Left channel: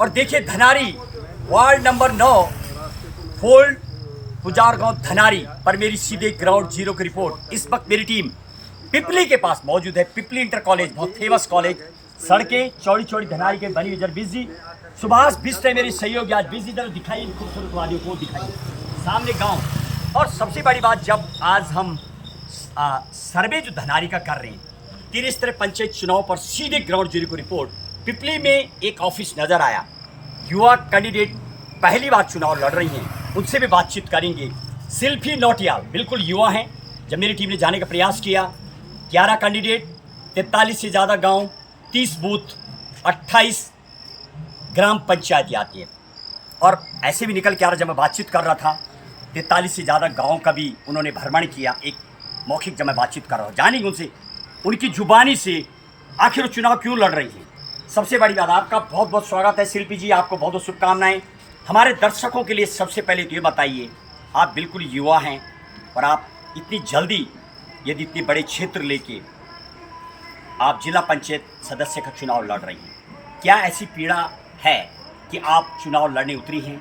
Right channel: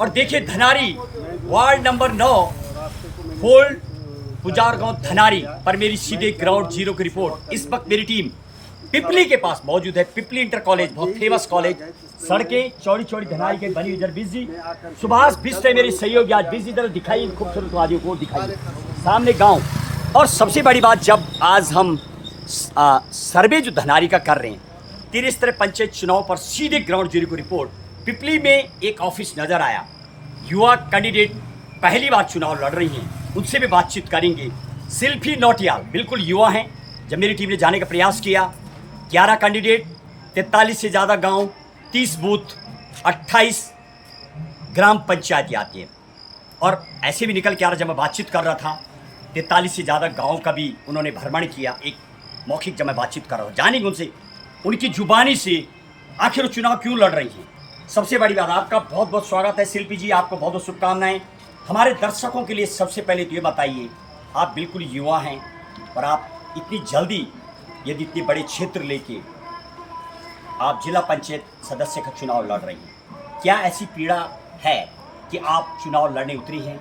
और देखिए धनारी ward number 9 fold पुजार गांव धनारी पर मेरी सीधे ग्राउंड जीरो की रिपोर्ट। इस वक्त मेरी टीम पिपली के पास मौजूद है। पिपली इंटर कॉलेज बहुत फेमस कॉलेज, सड़कें चौड़ी चौड़ी धनारी के बनी हुई। इधर बिजी सुभाष बिस्ते मेरी सहयोगी आज बिजी, इधर दिखाई खूबसूरत वादियों को दिखाई, सामने गांव। और सबसे बड़ी बात, जब आज हम सर्वे जो धनारी का कर रहे हैं, तिरस्तर पंचायत चुनाव पर सीधे ग्राउंड जीरो की रिपोर्ट। पिपली में एक ऑफिस नजर आया, युवा कैंडिडेट पहली बार चुनाव लड़ रही हैं, उनसे भी बातचीत करेंगे। शिल्पी नौटियाल बिल्कुल युवा हैं। जब मेरी टीम ने जाने का प्रयास किया, 11 कैंडिडेट, 43 से ज़्यादा गांव, 30 बूथ, 28 ग्राम पंचायत आती है। और ऐसे भी निकल के आ रहा, जब मैं बातचीत कर रहा था 43 से ज़्यादा गाँव का भी उन्होंने भ्रमण किया। एक मौखिक जब मैं बातचीत कर रहा हूँ, जानेंगे उनसे उनकी जुबानी से आखिर वो चुनाव क्यों लड़ रही हैं। सबसे बड़ी बात, आपका बहुत बहुत स्वागत है शिल्पी जी, आपको बहुत बहुत शुभकामनाएं। हमारे दर्शकों के लिए सबसे पहले तो ये बताइए, आप बिल्कुल युवा हैं और आप इतनी जल्दी, यदि इतने बड़े क्षेत्र लेके आप जिला पंचायत सदस्य का चुनाव लड़ रही हैं, क्या ऐसी पीड़ा है कि आप चुनाव लड़ने उतरी हैं?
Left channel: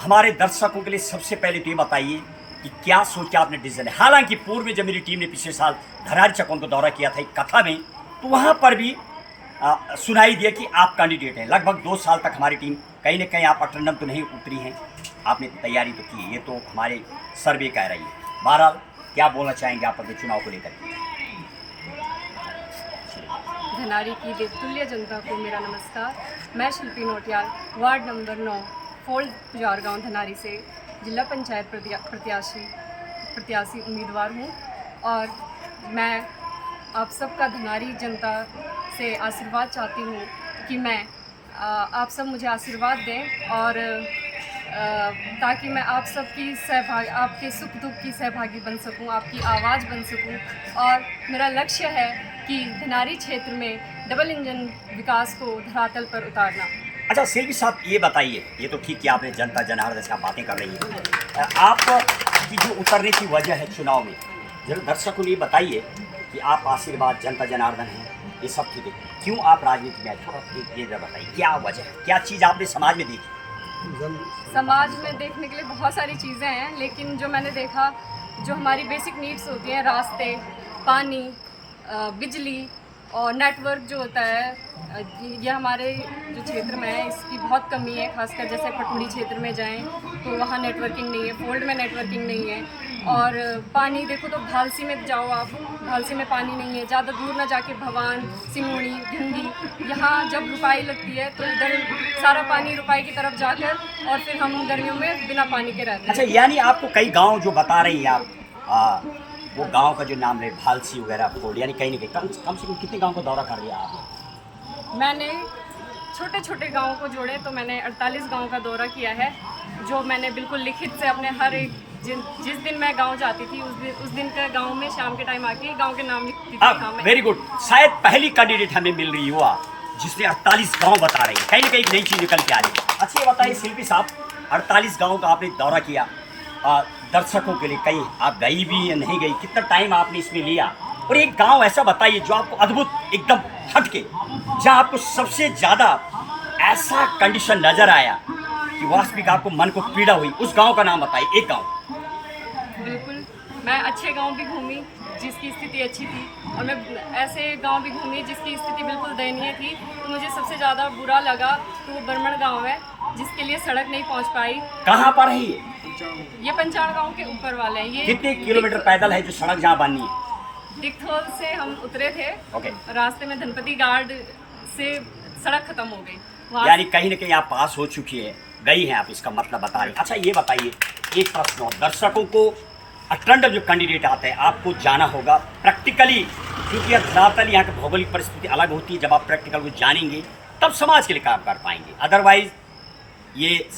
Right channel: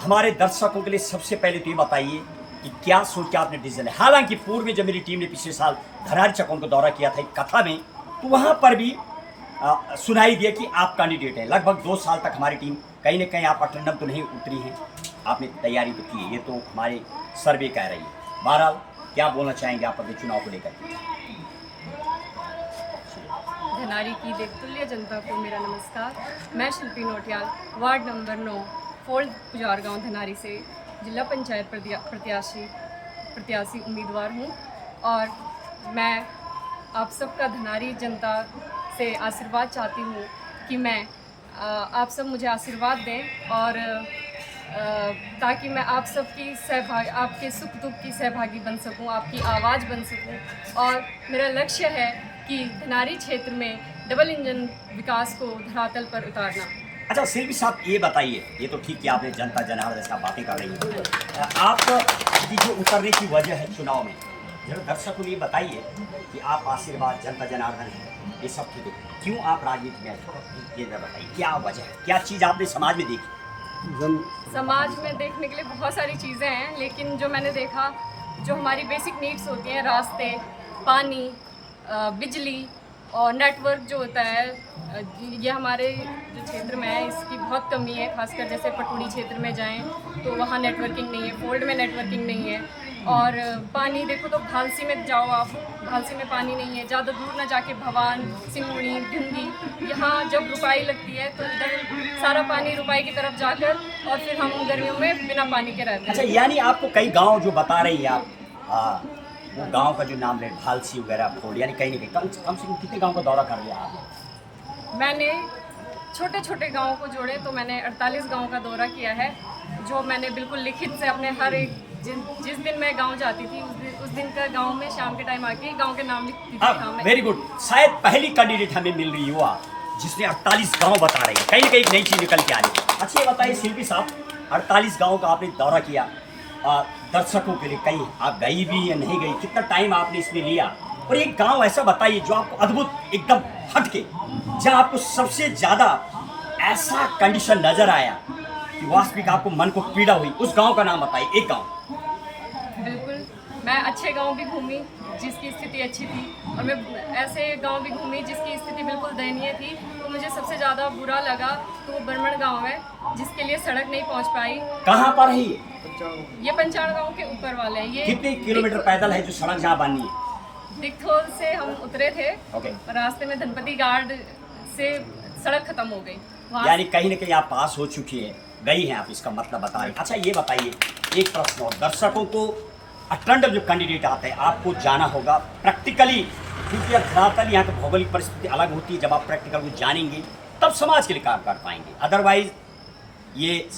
हमारे दर्शकों के लिए सबसे पहले तो ये बताइए कि क्या सोच के आपने डिसीजन है। हालांकि पूर्व में जब मेरी टीम ने पिछले साल धनारी चकौन को दौरा किया था एक कथा में, तो वहाँ पर भी सुनाई दिया कि आप कैंडिडेट हैं। लगभग 2 साल तक हमारी टीम कहीं ना कहीं, आप अटेंडम तो नहीं उतरी हैं, आपने तैयारी तो की है, ये तो हमारे सर्वे कह रही है। बहरहाल क्या बोलना चाहेंगे आप अपने चुनाव को लेकर के? धनारी की देवतुल्य जनता को मेरा नमस्कार। मैं शिल्पी नौटियाल वार्ड नंबर 9 फोल्ड पुजार गाँव धनारी से जिला पंचायत प्रत्याशी उम्मीदवार हूँ। और मैं आप सबका धनारी जनता से आशीर्वाद चाहती हूँ कि मैं आप सब मुझे आशीर्वाद दें, और ताकि मैं आप सबकी आपके सुख दुख की सहभागी बन सकूं, आपकी आवाज़ बन सकूं। और मेरा लक्ष्य है कि धनारी क्षेत्र में डबल इंजन विकास को धरातल पर उतारना। अच्छा शिल्पी साहब, ये बताइए, ये तो ठीक कि आपने जनता जनार्दन से आप बातें कर रही हैं, आप की जो उतरने की वजह है चुनाव में, जरूर दर्शकों को ये बताइए कि आप आशीर्वाद जनता जनार्दन हैं, ये सब ठीक है, क्यों आप राजनीति में आए? ये बताइए क्या वजह है, क्या चीज़ आपने समाज में देखी? समाज में देखने के लिए बहुत सारी चीज़ें हैं, लेकिन जो मैंने देखा, जो हमारी बेसिक नीड्स होती हैं, रास्ते, पानी, बिजली और नेटवर्क जो होता है, ये हमारे जो क्षेत्र में है इसकी बहुत कमी है। खासकर जैसे पटुड़ी क्षेत्र में जाएं तो वहाँ नेटवर्किंग नहीं है, फोल्ड में नेटवर्किंग नहीं है। और पानी देखो तो भालसी में जाओ आप, भालसी में पानी नहीं है। ज़्यादा दूर ना जाके भवान, सिंगुड़ी, भिंडी, यहाँ जब रुपाई लगती है तो इधर सारा पानी रुपाई की तरफ जाकर, और फिर हम गर्मियों में बिना पानी के रहते हैं। अच्छा, यानी आपको कई गाँव जो बता रही हैं आप, वो गांव का जो नाम है भालसी वगैरह फोल्ड, यानी कहीं नहीं कहीं कम से कम कितने गांव का दौरा कर लिया आपने? मैंने छोटे छोटे गाँवों को जोड़े तो मैंने 48 गाँव का दौरा किया है, जो मैंने बिल्कुल लिखित से अपने हर एक जिस दिन मैं गांव जाती थी उस दिन का गांव में शाम के टाइम आके गांव के नाम लिखती थी। वेरी गुड, शायद पहली कैंडिडेट हमें मिल रही हुआ जिसने 48 गाँव बता रही है, कहीं ना कहीं एक नई चीज़ निकल के आ रही है। अच्छा ये बताइए शिल्पी साहब, 48 गाँव का आपने दौरा किया, दर्शकों के लिए कहीं आप गई भी या नहीं गई, कितना टाइम आपने इसमें लिया? और एक गांव ऐसा बताइए जो आपको अद्भुत एकदम हटके, जहां आपको सबसे ज़्यादा ऐसा कंडीशन नज़र आया कि वास्तविक आपको मन को पीड़ा हुई, उस गांव का नाम बताइए, एक गांव। बिल्कुल, मैं अच्छे गांव भी घूमी जिसकी स्थिति अच्छी थी, और मैं ऐसे गांव भी घूमी जिसकी स्थिति बिल्कुल दयनीय थी। तो मुझे सबसे ज़्यादा बुरा लगा तो वो बरमण गाँव है, जिसके लिए सड़क नहीं पहुंच पाई। कहाँ पर है ये पंचाण गांव के ऊपर वाले हैं। ये कितने किलोमीटर पैदल है जो सड़क जहाँ बननी है? दिखथोल से हम उतरे थे, रास्ते में धनपति गार्ड से सड़क खत्म हो गई। यानी कहीं ना कहीं आप पास हो चुकी है, गई हैं आप, इसका मतलब बता रही। अच्छा ये बताइए, एक प्रश्न और, दर्शकों को अटेंडर जो कैंडिडेट आते हैं आपको जाना होगा प्रैक्टिकली, क्योंकि अब धरातल यहाँ की भौगोलिक परिस्थिति अलग होती है। जब आप प्रैक्टिकल को जानेंगे तब समाज के लिए काम कर पाएंगे, अदरवाइज ये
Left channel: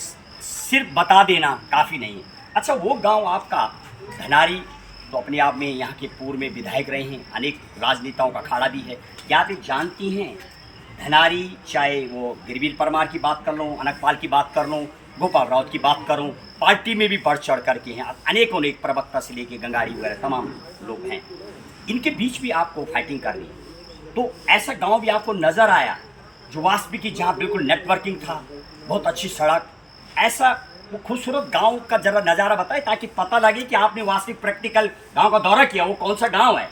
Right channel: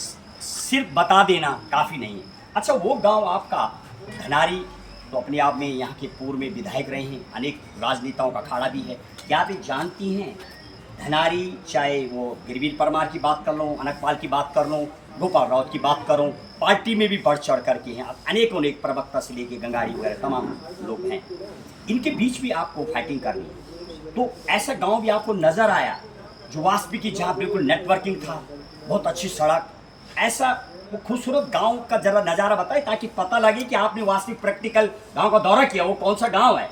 सिर्फ बता देना काफ़ी नहीं है। अच्छा वो गांव आपका धनारी तो अपने आप में यहाँ के पूर्व में विधायक रहे हैं, अनेक राजनेताओं का अखाड़ा भी है, क्या आप जानती हैं धनारी, चाहे वो गिरवीर परमार की बात कर लूँ, अनकपाल की बात कर लूँ, गोपाल राउत की बात करूँ, पार्टी में भी बढ़ चढ़ करके हैं, अनेक प्रवक्ता से लेके गंगाड़ी वगैरह तमाम लोग हैं, इनके बीच भी आपको फाइटिंग करनी है। तो ऐसा गांव भी आपको नज़र आया जो वास्पिकी जहाँ बिल्कुल नेटवर्किंग था, बहुत अच्छी सड़क, ऐसा वो खूबसूरत गांव का जरा नज़ारा बताएं ताकि पता लगे कि आपने वास्तविक प्रैक्टिकल गांव का दौरा किया, वो कौन सा गांव है।